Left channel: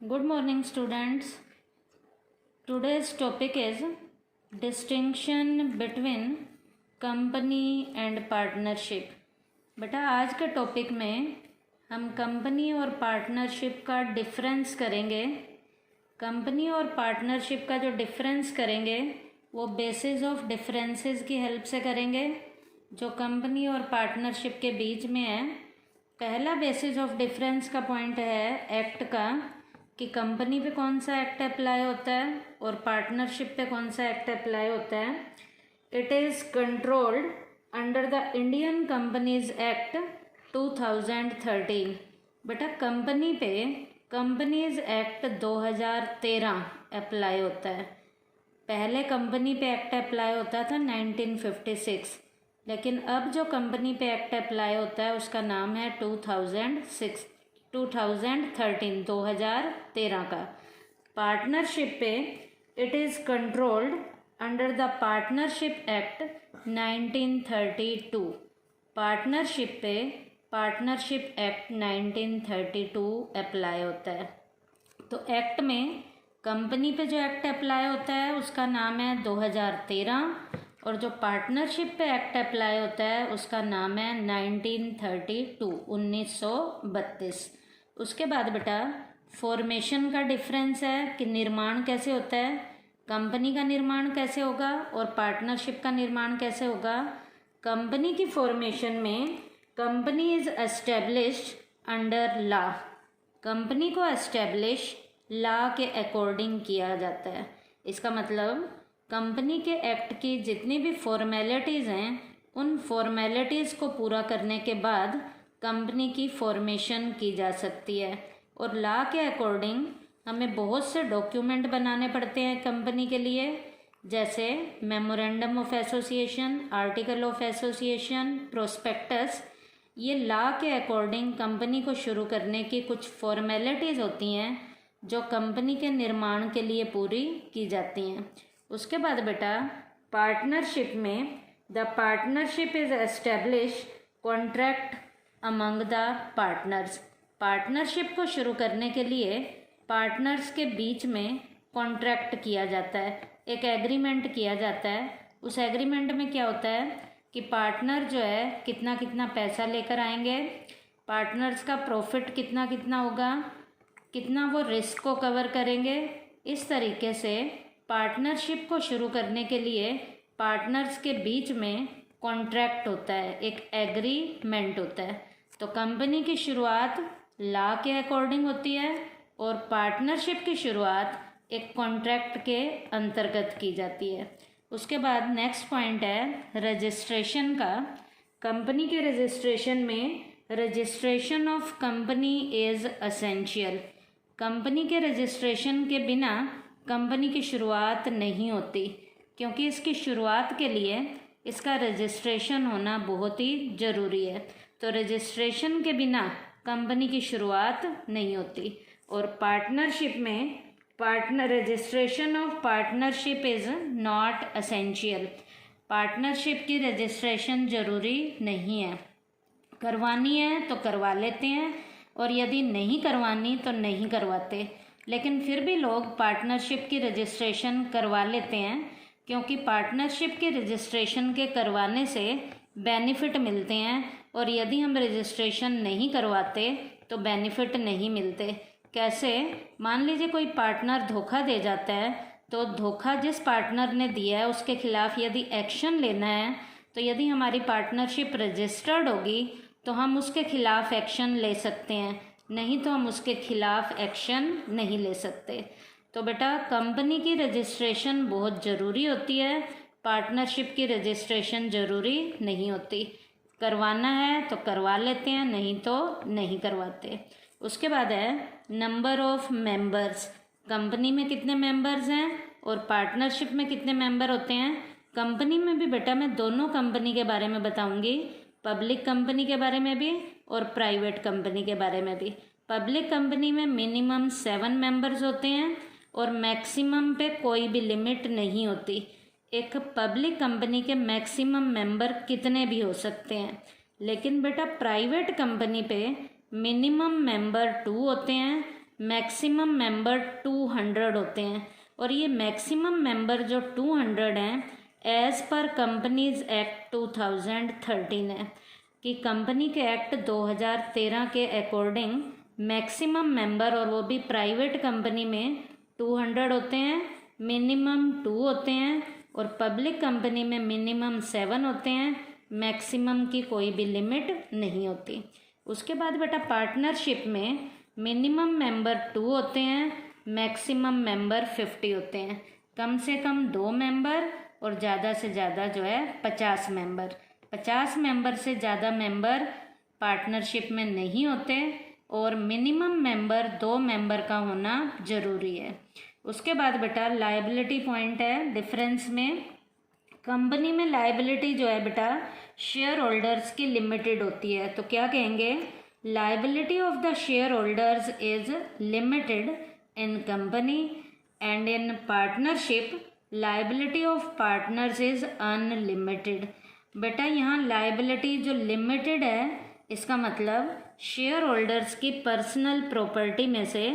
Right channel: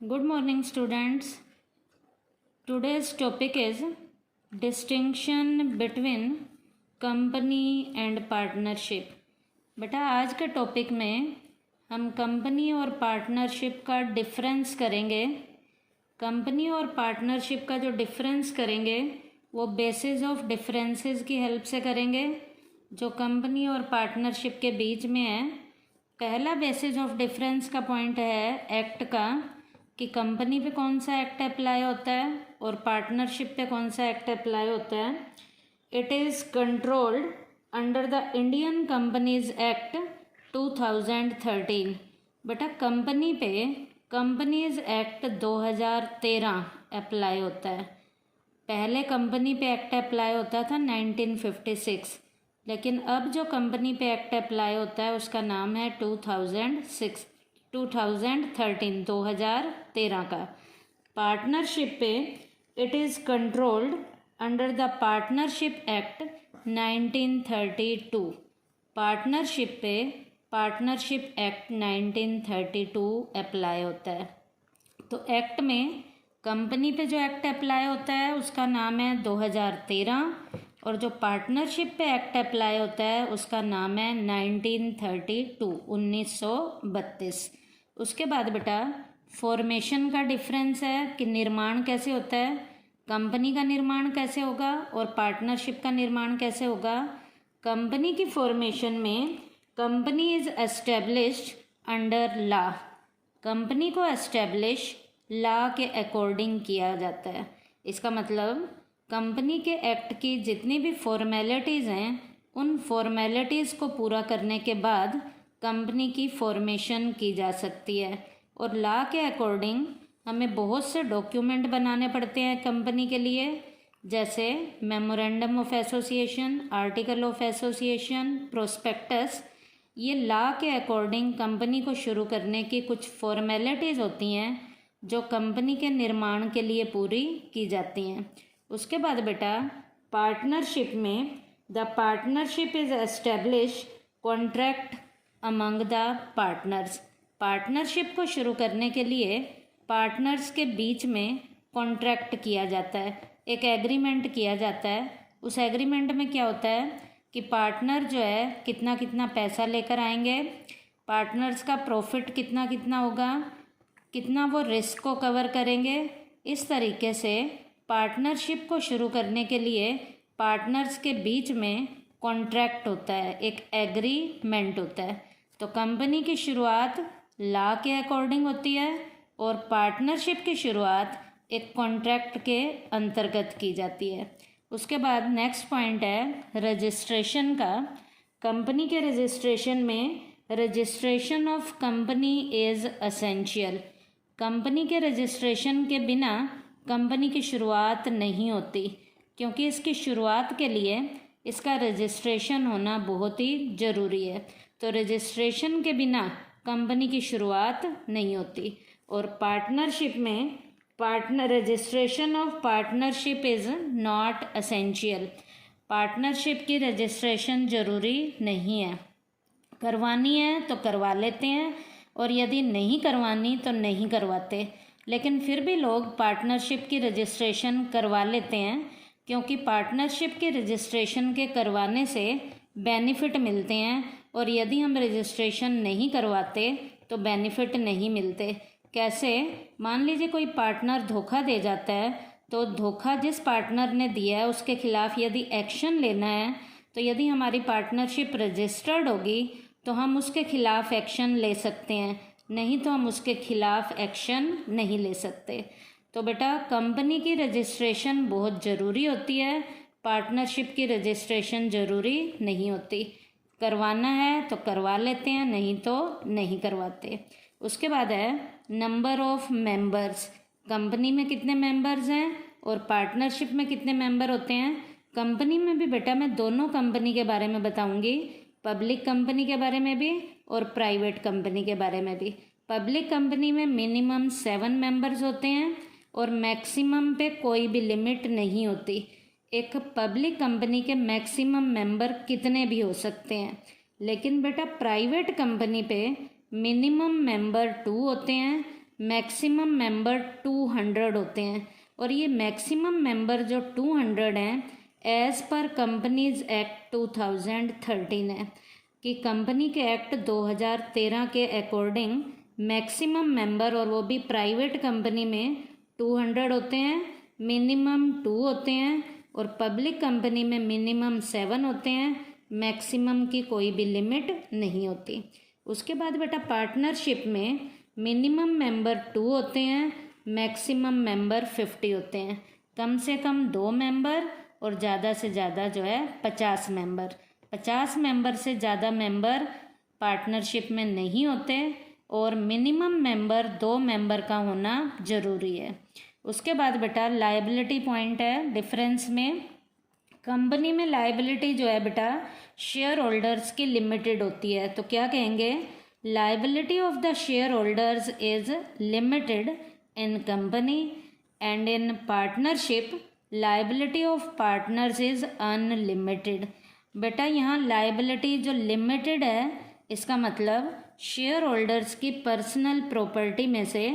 Good morning, students. Today's topic is distinction between company and partnership. बेटा आज के topic में हम कंपनी और पार्टनरशिप का डिफरेंस करेंगे। कंपनी और पार्टनरशिप का जो डिफरेंस करेंगे वो बेसिस ऑफ डिफरेंसेस की हेल्प से करेंगे जो कंपनी और पार्टनरशिप के बीच में है। पहला बेसिस ऑफ डिफरेंस का पॉइंट है एक्ट का कि कंपनी पे कौन सा एक्ट अप्लाई होता है और पार्टनरशिप पे कौन सा एक्ट अप्लाई होता है। It is controlled under the Indian companies act 2013। बेटा कंपनी पे कंपनीज एक्ट 2013 अप्लाई होता है। पहले कंपनी पे एक्ट अप्लाई होता था 1956, लेकिन अब जो कंपनी पे एक्ट अप्लाई होता है उसका नाम है 2013 का। पार्टनरशिप पे it is controlled under the partnership act 1932। Partnership पे पार्टनरशिप एक्ट 1932 अप्लाई होता है। तो एक्ट में कंपनी पे जो एक्ट अप्लाई होता है उसका नाम है 2013 और जो पार्टनरशिप पे एक्ट अप्लाई होता है उसका नाम है 1932। उसके बाद बेटा फॉर्मेशन का डिफरेंस है कि निर्माण कैसे होता है, कंपनी का निर्माण कैसे होगा और पार्टनरशिप का निर्माण कैसे होगा। कंपनी की फॉर्मेशन में company is established under law. Company को एस्टेब्लिश लॉ के अकॉर्डिंग किया जाता है। इसका मतलब कंपनी के एक्ट की जितनी भी फॉर्मेलिटीज़ हैं उन फॉर्मेलिटीज़ को पूरा करने के बाद कंपनी की फॉर्मेशन की जा सकती है। और लॉ के अकॉर्डिंग हमें बहुत से डॉक्यूमेंट बनाने पड़ते हैं कंपनी के लिए, जैसे memorandum of association, article of association, prospectus. ये लॉ के अकॉर्डिंग कंपनी को शुरू करने की कुछ फॉर्मेलिटीज़ होती हैं जो कंपनी के निर्माण के लिए पूरी की जाती हैं। उसके बाद बेटा पार्टनरशिप में the partnership is establish contract among the partners. Partnership को शुरू करने के लिए पार्टनर्स के बीच में कॉन्ट्रैक्ट किया जाता है, एक एग्रीमेंट किया जाता है। उस एग्रीमेंट में क्या होता है कि पार्टनर जो है कितना कितना पैसा लेकर आएंगे, पार्टनर्स का प्रॉफिट कितना कितना होगा, कितना वो रिस्क को कवर करेंगे। इस तरीके से पार्टनरशिप को शुरू करने के लिए पार्टनर्स के बीच में कॉन्ट्रैक्ट होता है, एक एग्रीमेंट होता है। तो कंपनी की शुरुआत लॉ के अकॉर्डिंग होती है और पार्टनरशिप की शुरुआत एक कॉन्ट्रैक्ट के अंतर्गत की जाती है। उसके बाद नेक्स्ट पॉइंट है रजिस्ट्रेशन का। कंपनी के रजिस्ट्रेशन में registration of company is essential. Company के रजिस्ट्रेशन के बिना कंपनी की शुरुआत नहीं होती, क्योंकि इसकी शुरुआत के लिए इसका रजिस्ट्रेशन होना बहुत ही ज़रूरी है। तो रजिस्ट्रेशन के बिना कंपनी की शुरुआत नहीं होती। और पार्टनरशिप में registration of partnership is not essential. Partnership की रजिस्ट्रेशन ज़रूरी नहीं है, करवानी है तो करवा लेते हैं और यदि नहीं करवानी तो नहीं करवाते। लेकिन फिर भी लोग पार्टनरशिप की रजिस्ट्रेशन करवा लेते हैं, क्योंकि पार्टनरशिप की रजिस्ट्रेशन के करवाने से बेनिफिट मिलते हैं और यदि हम रजिस्ट्रेशन नहीं करवाते तो बेनिफिट नहीं मिलते। कैसे? मान लीजिए कोई पार्टनर धोखा दे जाता है, तो धोखा जिस पार्टनर ने दिया है उसके खिलाफ यदि एक्शन लेना है तो यदि हमारी पार्टनरशिप रजिस्टर्ड होगी तो हम उसके खिलाफ एक्शन ले सकते हैं, नहीं तो हम उसके खिलाफ एक्शन नहीं ले सकते। तो बेटा कंपनी की रजिस्ट्रेशन बहुत ज़रूरी होती है, पार्टनरशिप की रजिस्ट्रेशन ज़रूरी नहीं होती। करवाना है तो करवा लेते हैं, नहीं तो नहीं करवाते। उसके बाद है नंबर ऑफ मेंबर्स। कंपनी में कितने मेंबर्स हैं और पार्टनरशिप में कितने मेंबर होते हैं। कंपनी में भी बेटा मैं दोनों कंपनी के बारे में बताऊंगी, पब्लिक कंपनी के बारे में भी और प्राइवेट कंपनी के बारे में भी। पब्लिक कंपनी में मिनिमम 7 मेंबर्स होते हैं और मैक्सिमम पे कोई भी लिमिट नहीं होती। एक पब्लिक कंपनी के मैक्सिमम मेंबर कितने भी हो सकते हैं, लेकिन बेटा प्राइवेट कंपनी पे मिनिमम मेंबर 2 होते हैं मैक्सिमम मेंबर 200 होते हैं, और ये मैक्सिमम मेंबर जो 200 हैं एज़ पर कंपनीज एक्ट 2013 है, कि कंपनी के एक्ट 2013 के अकॉर्डिंग मैक्सिमम मेंबर, और वो भी प्राइवेट कंपनी में 200 होते हैं, मिनिमम 2 होते हैं, और पब्लिक कंपनी में मिनिमम 7 होते हैं, मैक्सिमम की कोई भी लिमिट नहीं होती। उसके बाद बेटा पार्टनरशिप में मिनिमम मेंबर 2 होते हैं, मैक्सिमम मेंबर 50 होते हैं, कम से कम 2 मेंबर और ज़्यादा से ज़्यादा जो है 50 मेंबर। 50 मेंबर से ज़्यादा मेंबर पार्टनरशिप में नहीं होते, और मिनिमम मेंबर 2 मेंबर का होना ज़रूरी है। उसके बाद बेटा लायबिलिटी पॉइंट है डिफरेंस में। कंपनी में लायबिलिटी जो है बेटा शेयर होल्डर्स की लिमिटेड होती है, तो क्या कहेंगे, liability of the share holders is limited in company, and in partnership liability of partners is unlimited. बेटा यहाँ लायबिलिटी जो लिमिटेड है, इसका मतलब शेयर होल्डर्स की पर्सनल प्रॉपर्टी में से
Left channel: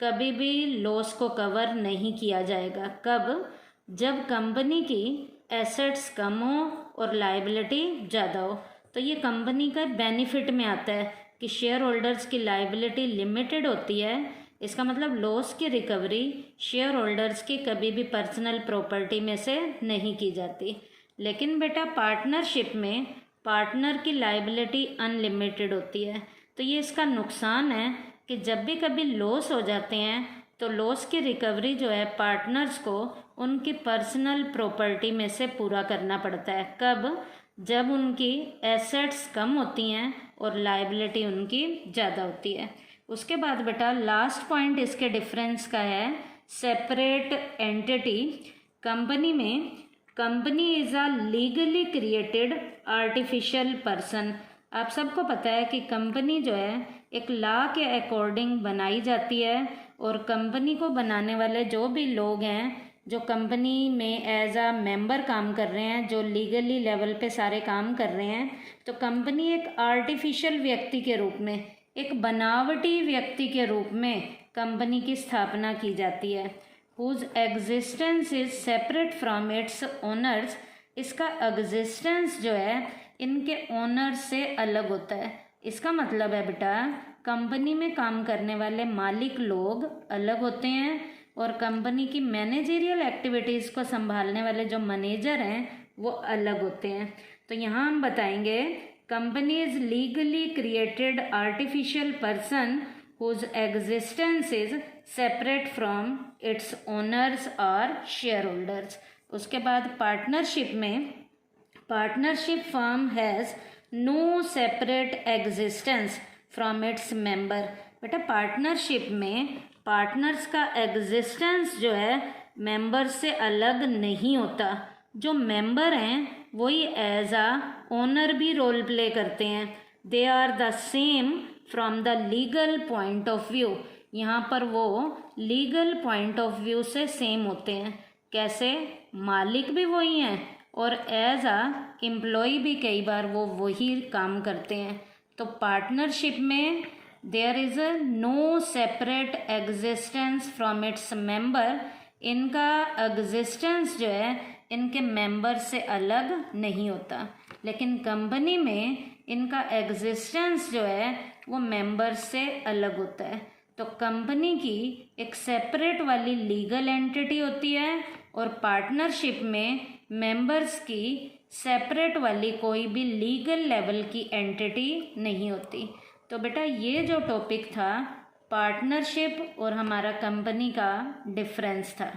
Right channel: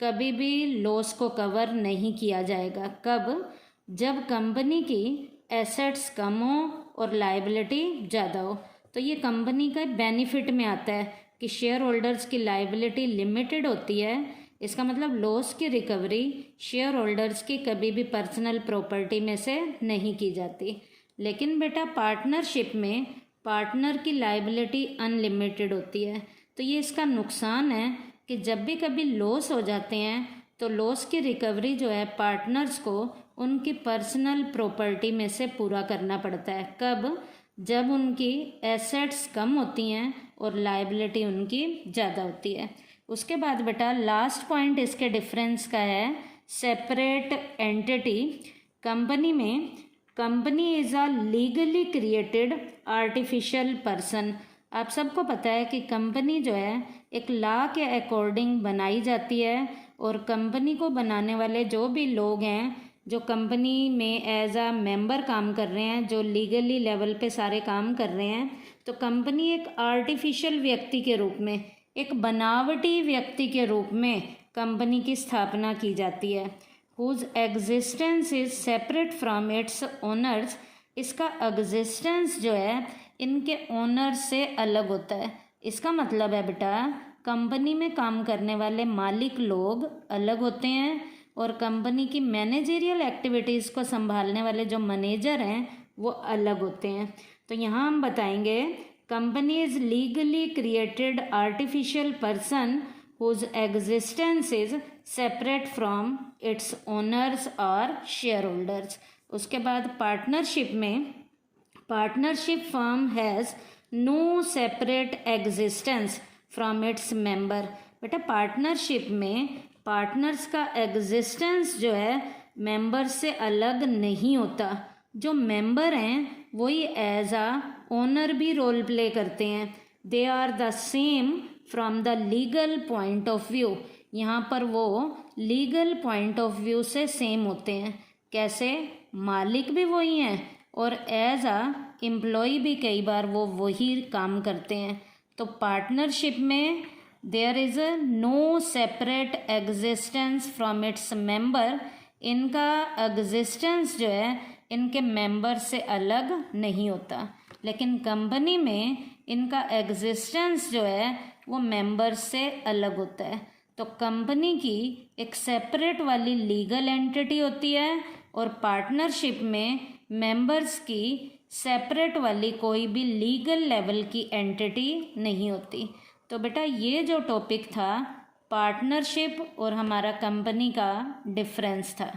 कभी भी लॉस को कवर नहीं किया जाएगा। कब? जब कंपनी की एसेट्स कम हो और लायबिलिटी ज़्यादा हो। तो ये कंपनी का बेनिफिट में आता है कि शेयर होल्डर्स की लायबिलिटी लिमिटेड होती है, इसका मतलब लॉस की रिकवरी शेयर होल्डर्स की कभी भी पर्सनल प्रॉपर्टी में से नहीं की जाती। लेकिन बेटा पार्टनरशिप में पार्टनर की लायबिलिटी अनलिमिटेड होती है, तो ये इसका नुकसान है कि जब भी कभी लॉस हो जाते हैं तो लॉस की रिकवरी जो है पार्टनर्स को उनकी पर्सनल प्रॉपर्टी में से पूरा करना पड़ता है। कब? जब उनकी एसेट्स कम होती हैं और लायबिलिटी उनकी ज़्यादा होती है। उसके बाद बेटा लास्ट पॉइंट इसके डिफरेंस का है सेपरेट एंटिटी। कंपनी में company is a legally created artificial person. आप सबको पता है कि कंपनी जो है एक लॉ के अकॉर्डिंग बनाई जाती है, और कंपनी को बनाने वाले जो भी लोग हैं जो कंपनी में एज अ मेंबर काम कर रहे हैं, जो लीगली लेवल पे सारे काम कर रहे हैं, तो कंपनी एक आर्टिफिशियल व्यक्ति के रूप में, एक बनावटी व्यक्ति के रूप में कंपनी की स्थापना की जाती है। Whose existence is separate from its owners. इसका एग्जिस्टेंस जो है इनके ओनर से अलग होता है। इसका मतलब है बेटा कंपनी में काम करने वाले मालिक लोग अलग होते हैं, और कंपनी की मैनेजरियल एक्टिविटीज़ को संभालने वाले जो मैनेजर हैं वो अलग होते हैं। तो यहाँ हम बताएंगे company is legally created artificial person whose existence is separate from its owners और शेयर होल्डर्स। उसके बाद पार्टनरशिप में partnership firm has no separate existence from its member. बेटा पार्टनरशिप में पार्टनर्स का एग्जिस्टेंस जो है मेंबर से अलग नहीं होता। जो मेंबर हैं वही एज आ ओनर भी रोल प्ले करते हैं। They are the same from the legal point of view. यहाँ पर वो लीगल पॉइंट ऑफ व्यू से सेम होते हैं। कैसे? मालिक भी वही हैं और एज आ एम्प्लॉय भी कई बार वो वही काम करते हैं। तो पार्टनरशिप में there is no separate existence from its member. इनका एग्जिस्टेंस जो है इनके मेंबर से अलग नहीं होता, लेकिन कंपनी में इनका एग्जिस्टेंस जो है वो मेंबर से अलग होता है। तो कंपनी की एक सेपरेट वाली लीगल एंटिटी होती है और पार्टनरशिप में मेंबर्स की सेपरेट वाली कोई भी लीगल लेवल की एंटिटी नहीं होती। तो बेटा ये जो टॉपिक था पार्टनरशिप और हमारा कंपनी का डिफरेंस था।